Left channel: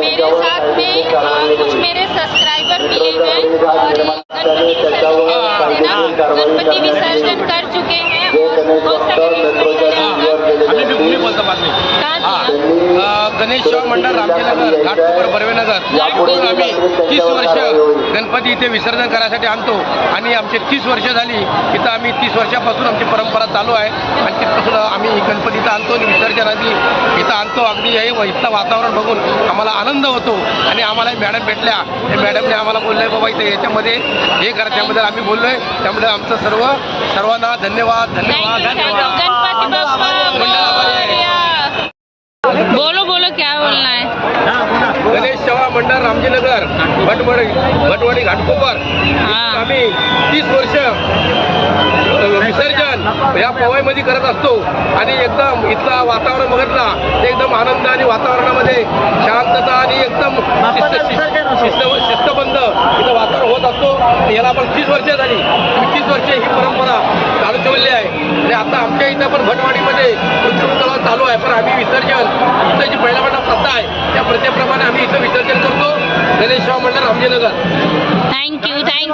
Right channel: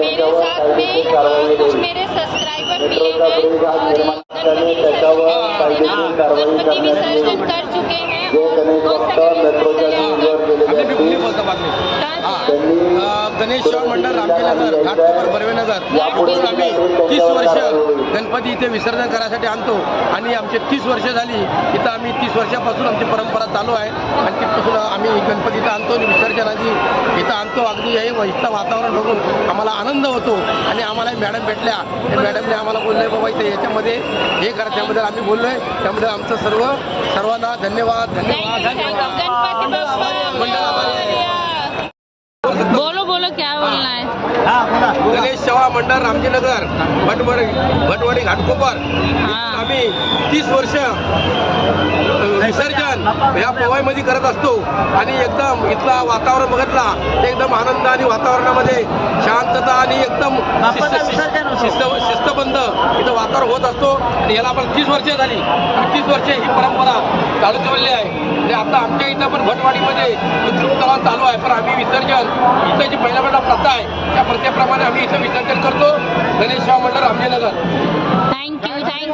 मेरे साथ में कुछ मेरे सब्सक्राइबर मिले हैं और गणपति विसर्जन देना गणपति विसर्जन कर चुके हैं और कौन सा बोलतो बातमी? हा. गणेश सेवा मंडळ रामजीनगर घाटकोपर बर्वेनगर. इकडून आम्ही तीस वर्ष गणपती इथे विसर्जन करायसाठी आणतो. आणि आमचे तीस वर्ष झाली इथं आम्ही तीस वर्षापासून आमची परंपरा चालू आहे. आणि तिथपासून आम्ही गणपती इथं आणतो आणि विसर्जन आधी इथं आणतो. अगदी हे इथलं वातावरण बघून आम्हाला आनंद होतो. आणि आम्हाला मॅडम भेटल्या. त्या मॅडमने आम्हाला बोलले बाबा इथे याच्यामध्ये हे करा. त्यामध्ये आम्ही बोललोय. त्यामध्ये आमचं सर्व सर्वांना धन्यवाद धन्यवाद धन्यवाद. मंडल आभारी आहे. गणेश सेवा मंडळ रामजीनगर भटवडी भटवडी घाटकोपर. हा. आम्ही तीस वर्ष विसर्जन या पोवाईमध्ये करत असतो. आणि एकदम इथला वातावरण बघितला एकदम आनंद आणि वातावरणामध्ये शांतता आणि एकदम शिस्त शिस्त शिस्त शिस्तबंद इथं वातावरण होत असतो. याला आपण तीस वर्ष झाली. तीस वर्ष ही परंपरा चालू ठेवली आहे. आणि आता आमच्या इथं पण भटवाडीमध्ये कृत्रिम तलाव चालू आहे. पण आम्ही विसर्जन इथं जी पहिल्या प्रथा आहे त्या प्रथेप्रमाणे आम्ही इथं विसर्जन करतो. गणेश सेवा मंडळ रामजीनगर. Thank you. थैंक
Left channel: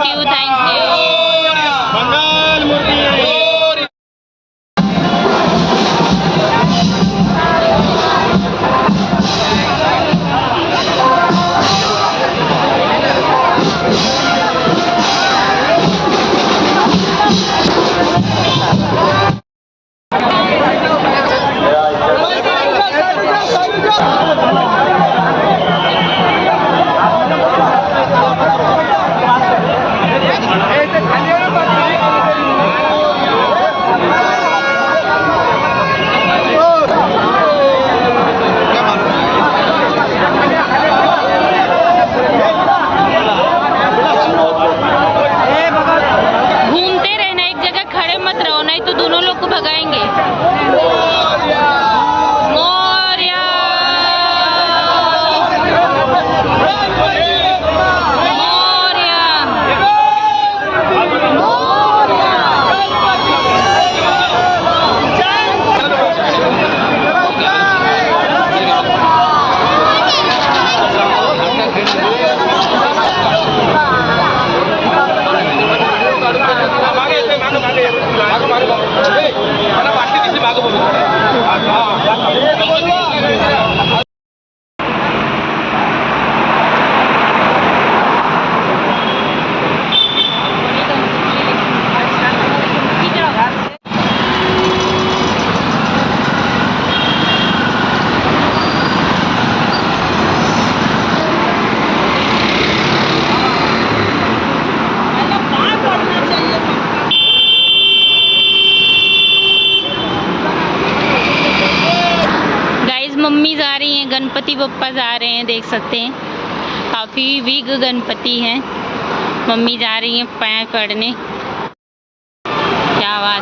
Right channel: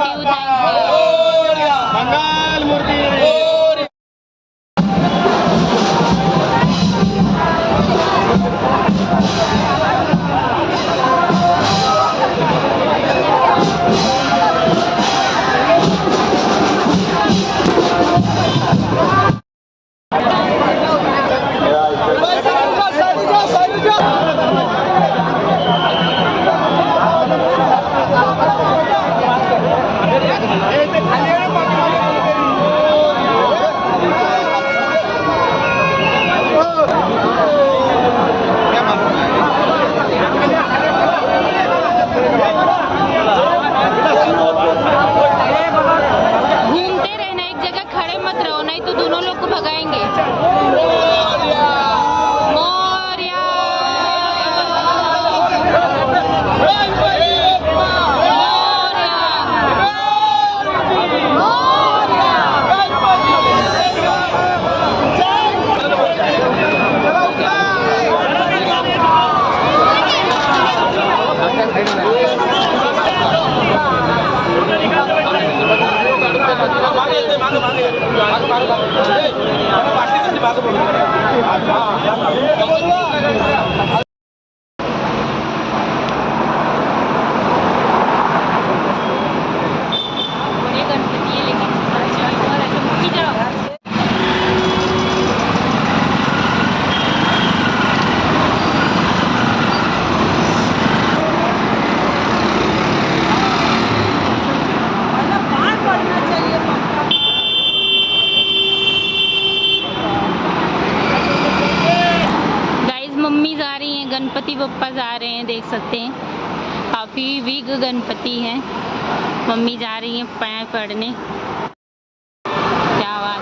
रहो नहीं तो दोनों लोग को भगाएँगे। बप्पा जा रहे हैं, देख सकते हैं। काफ़ी वीक गणपति हैं। मम्मी जा रही हैं पैर पढ़ने क्या बात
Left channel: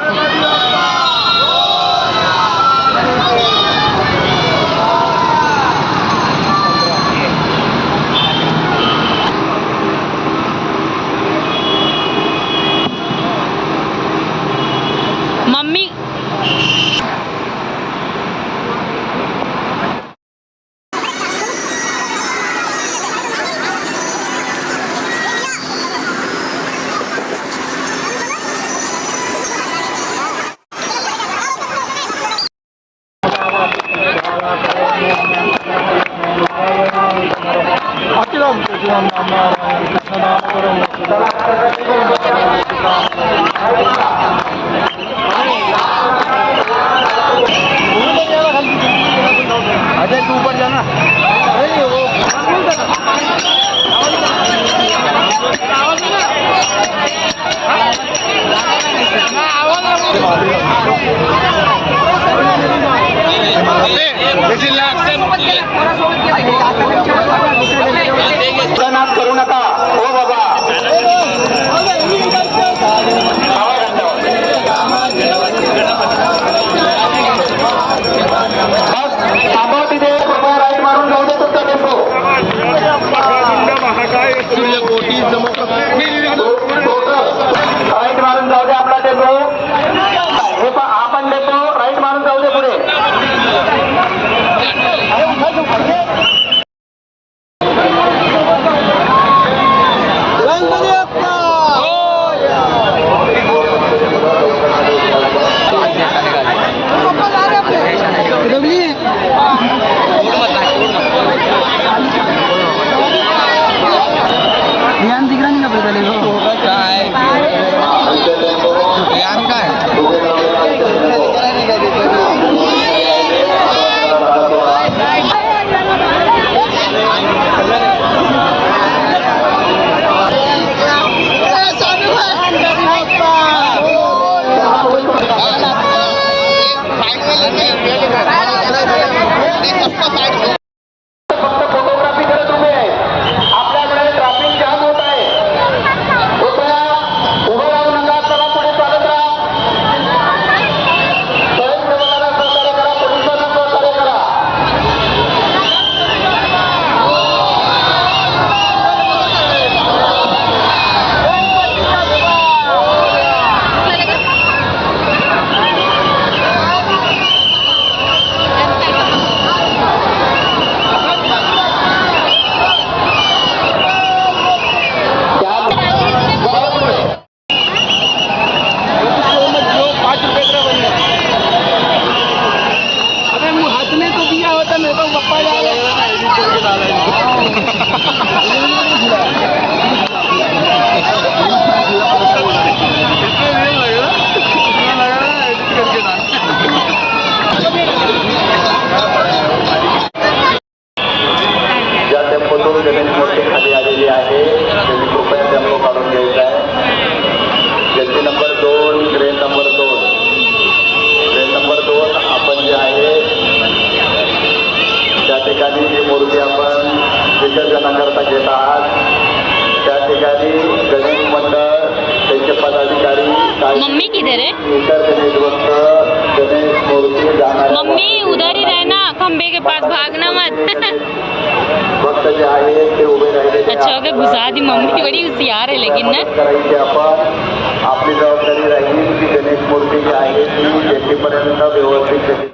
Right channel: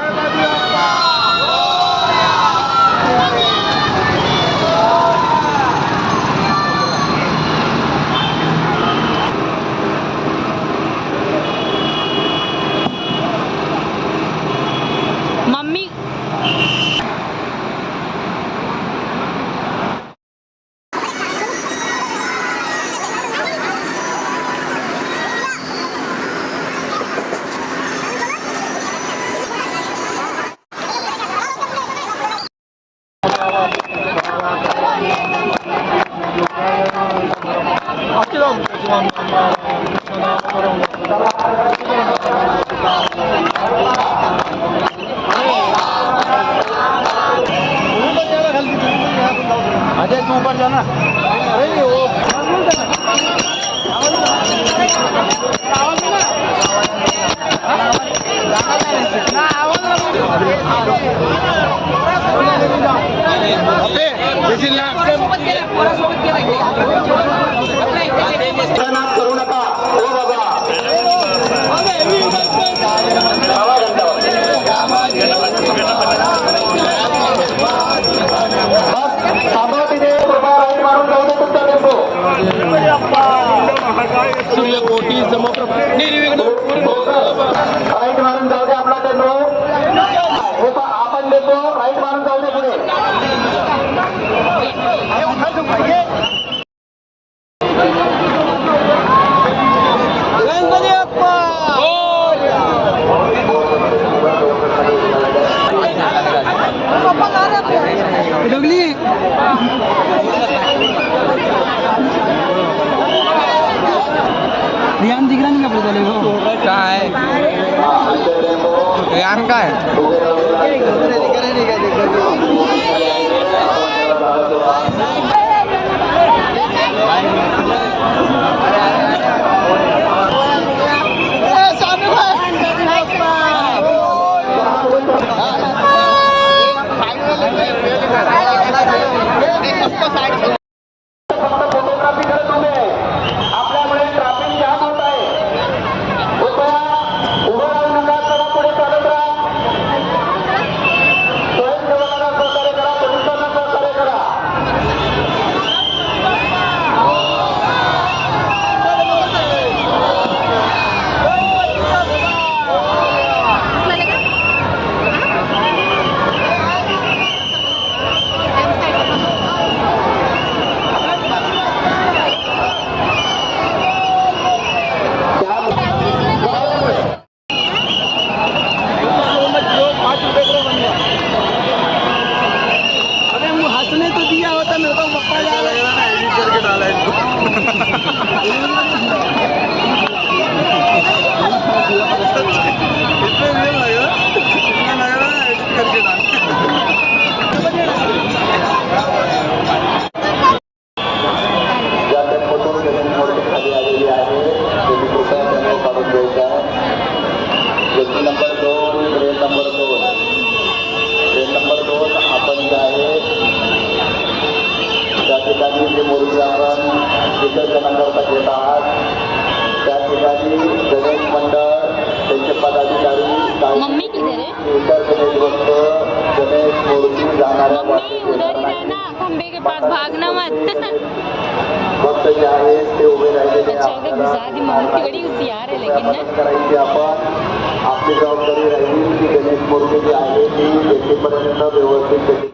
no. गणपति अप्पा डबली है ध्यान मम्मी किधर है? मम्मी, उधर ही रहना खम्बे के पास भागना मत। अच्छा अगर घुसा दी मम्मी, बड़ी होशियार है लेकिन ना। आपली गणेश व्यवस्थित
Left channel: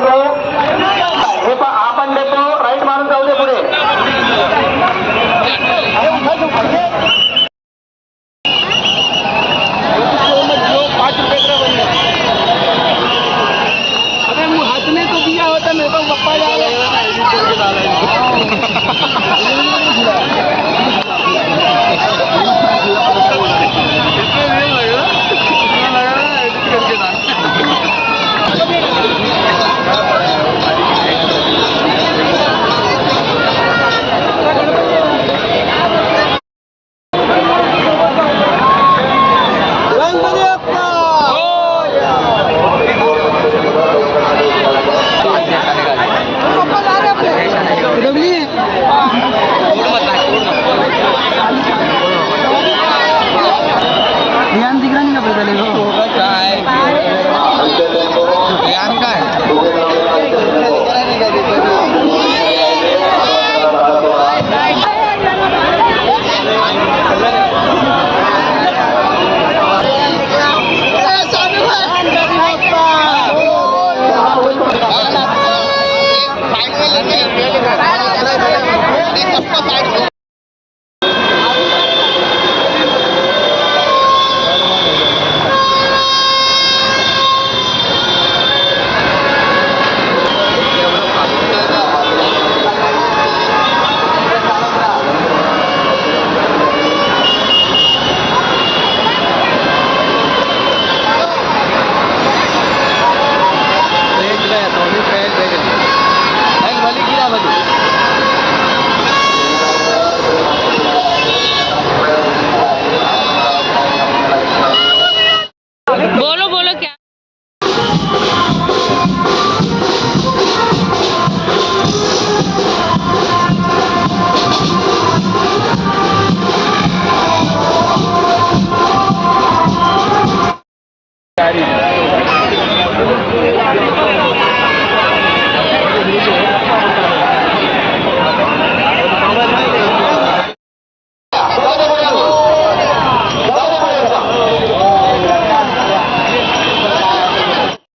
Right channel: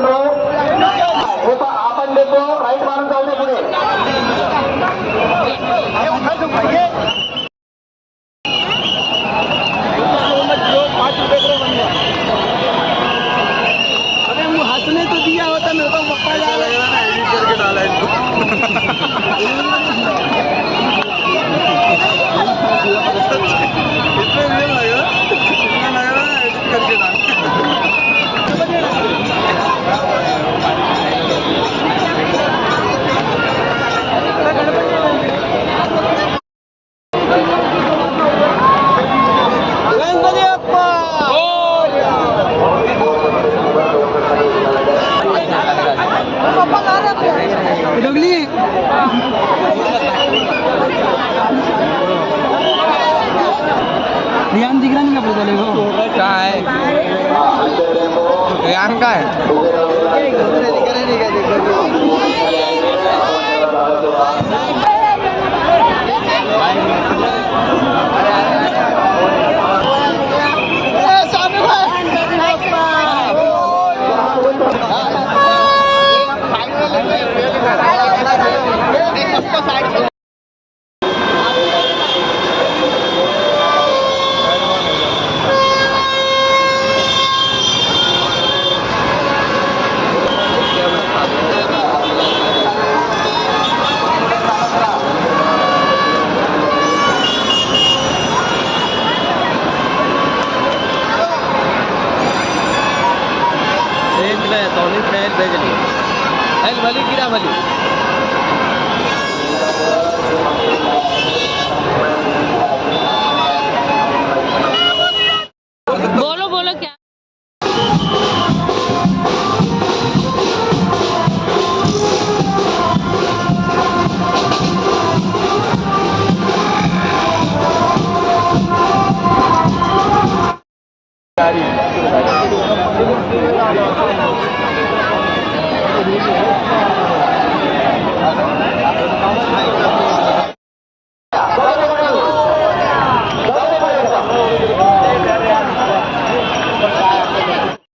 देतो हे पण आपण देतो राईट मारून जाऊ दे पुढे.